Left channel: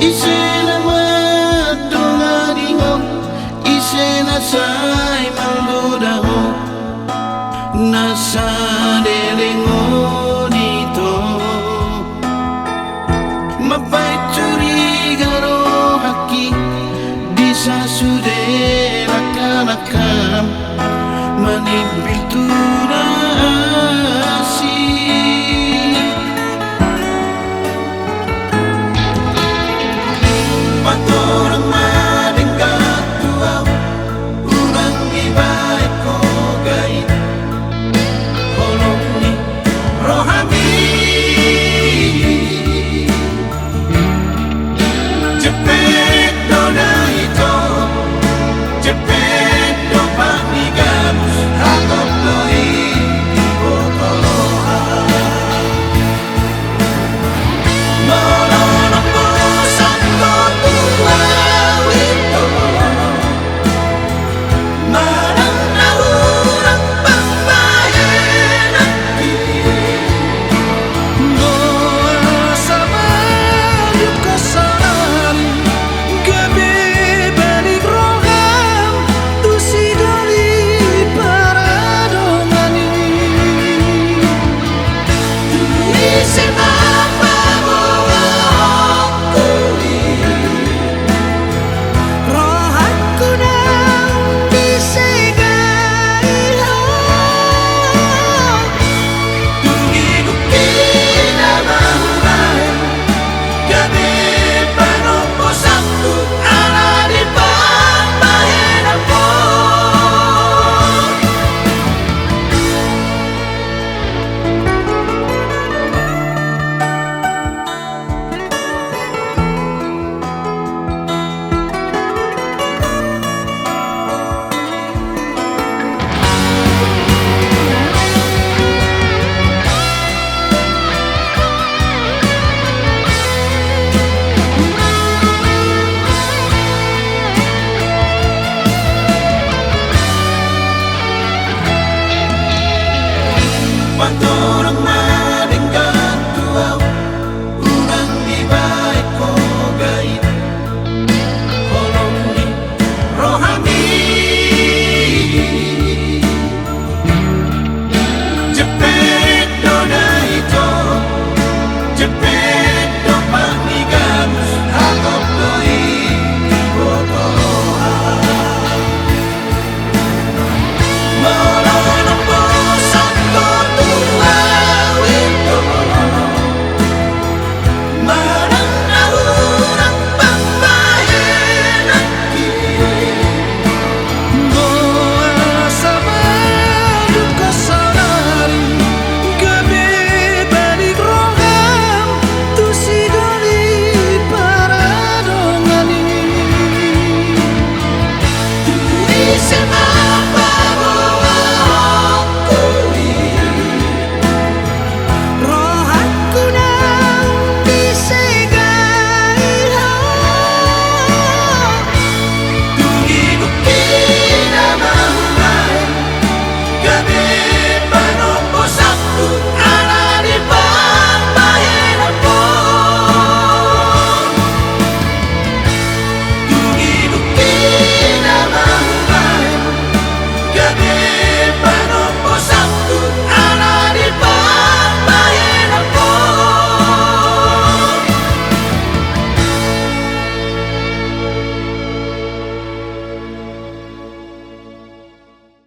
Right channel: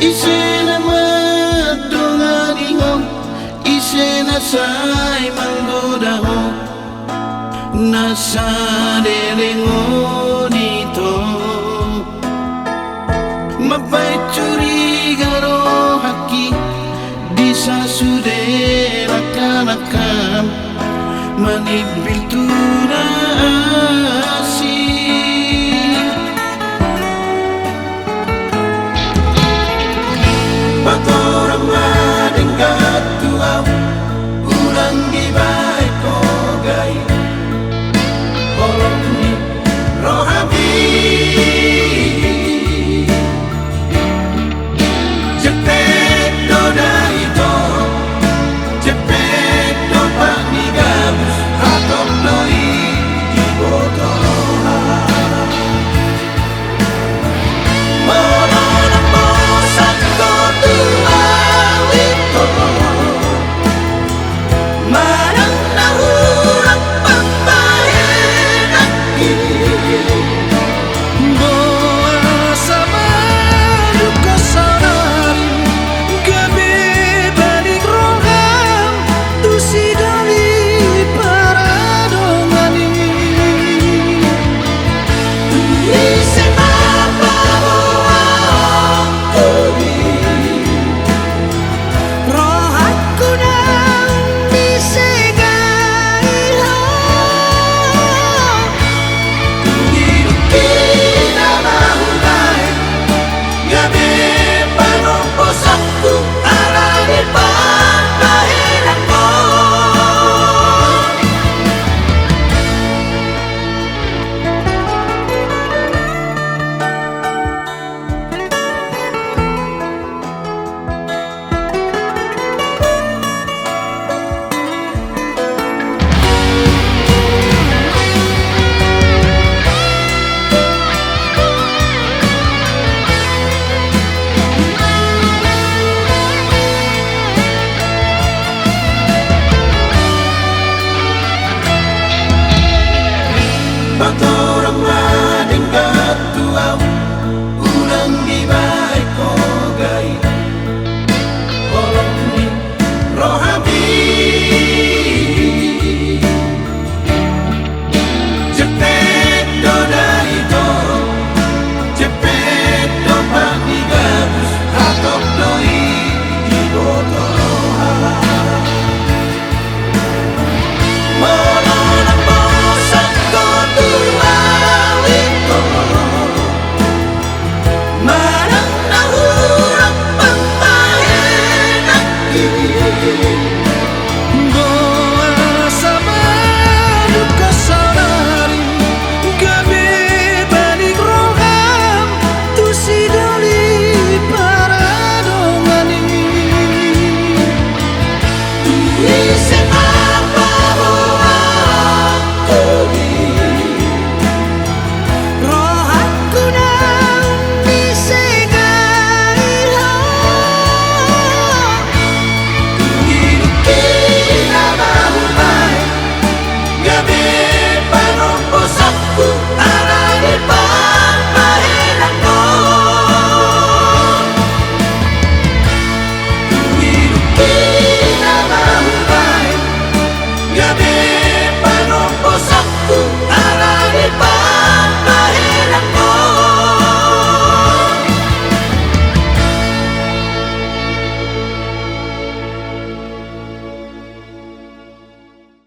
Isena madongani ho, isena sai manggoda ho, nasadelengo dito. Mapai curiga roh haki, bisa sudah rakam-rakam, manibil turasi. Patorang madenggat tuaw, ulang gibay ko gait, olong ni rohani. Jepet do na ito, jepet do panigabus, ratot do di botoloha. Maulolong bosan ko tuaw ito, marang nahulang pambayan at Boa sama duka sanari, gabi balik roham, tu si dali paradongani. Isema pabawa okuli, Roh aku nang disegai ho, tugidukin na mahulay, gabi panumpos ako, aranin pa ang mahirap mo. Patorang madenggat tuaw, unang gibay ko gait, olong ni rohani. Jepet do na ito, jepet do panigabus, ratot do di botoloha. Maulolong bosan ko tuaw ito, marang nahulang pambayan at boa sama duka sanari, gabi balik roham, tu si dali paradongani. isema pabawa okuli, Roh aku nang disegai ho, tugidukin na mahulay, gabi